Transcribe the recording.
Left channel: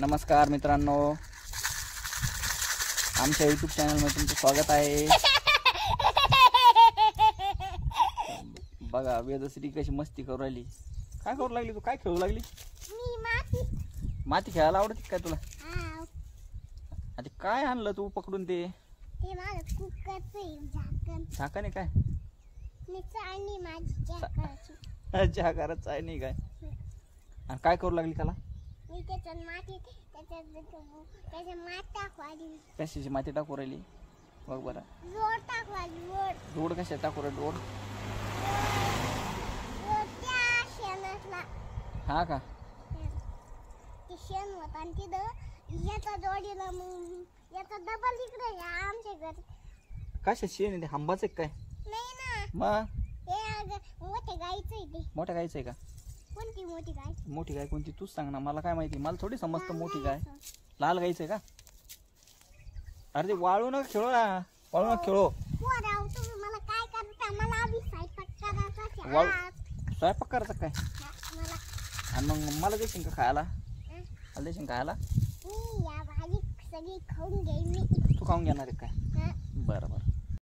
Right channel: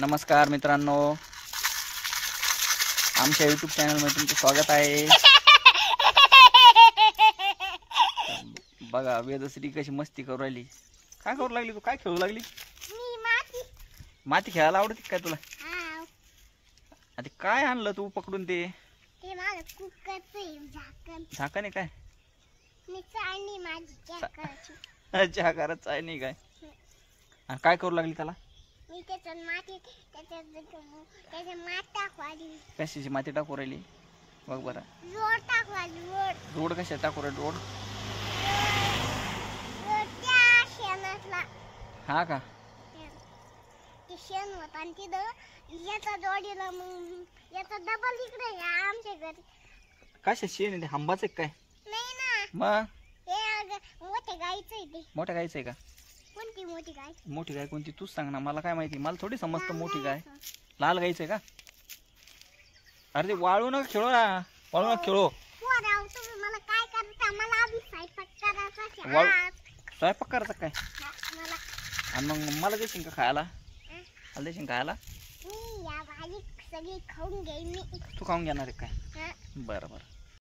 नमस्कार मित्रांनो, आमच्या यूट्यूब चॅनलमध्ये तुमचं स्वागत आहे। बघा वेदश्री कशी मस्ती करू राहिली। काय करू लागली तू? काय खेळू लागली? माती खेळायला आवडते काय तुला? आता काय आणलं तू पकडून? ते झाकण आहे काय? अच्छा घरात आहे नाही काय? आणि काय करू लागली त्याला? कशाची माती टाकू राहिली? बघ बरं, रोड कशा टाकू राहिली? रोड हा का? शेण होता आणि तिथं याचा जोडीला मग याचा डबल इकडे आमच्या घरी. कशा शेण आहे? हंबाच आहे काय? नाही ना, मग हे मोठ्या गाईचं आहे ते. मोठ्या गायचं आहे का? कोणती मोठी गाय? मोठी गाय कोणती तूच सांग ना, मला काय माहिती, मला थोडी समजतं मोठी गाय. लाल गायचं आहे का? अरे ते वाळू नका खेळू ना, वाळू नका खेळू. पोराव तुम्ही मला काय करता? मला आधी स्वयंपाक करायचा वाळू आहे. स्वयंपाक करायचा काय? मला आणि मग मला देशील का खायला? मला देशील खायला? मी या भाजी सगळी खाऊन घेईन मी. तू खाऊन घेणार आहे काय? हा. बरं बरं.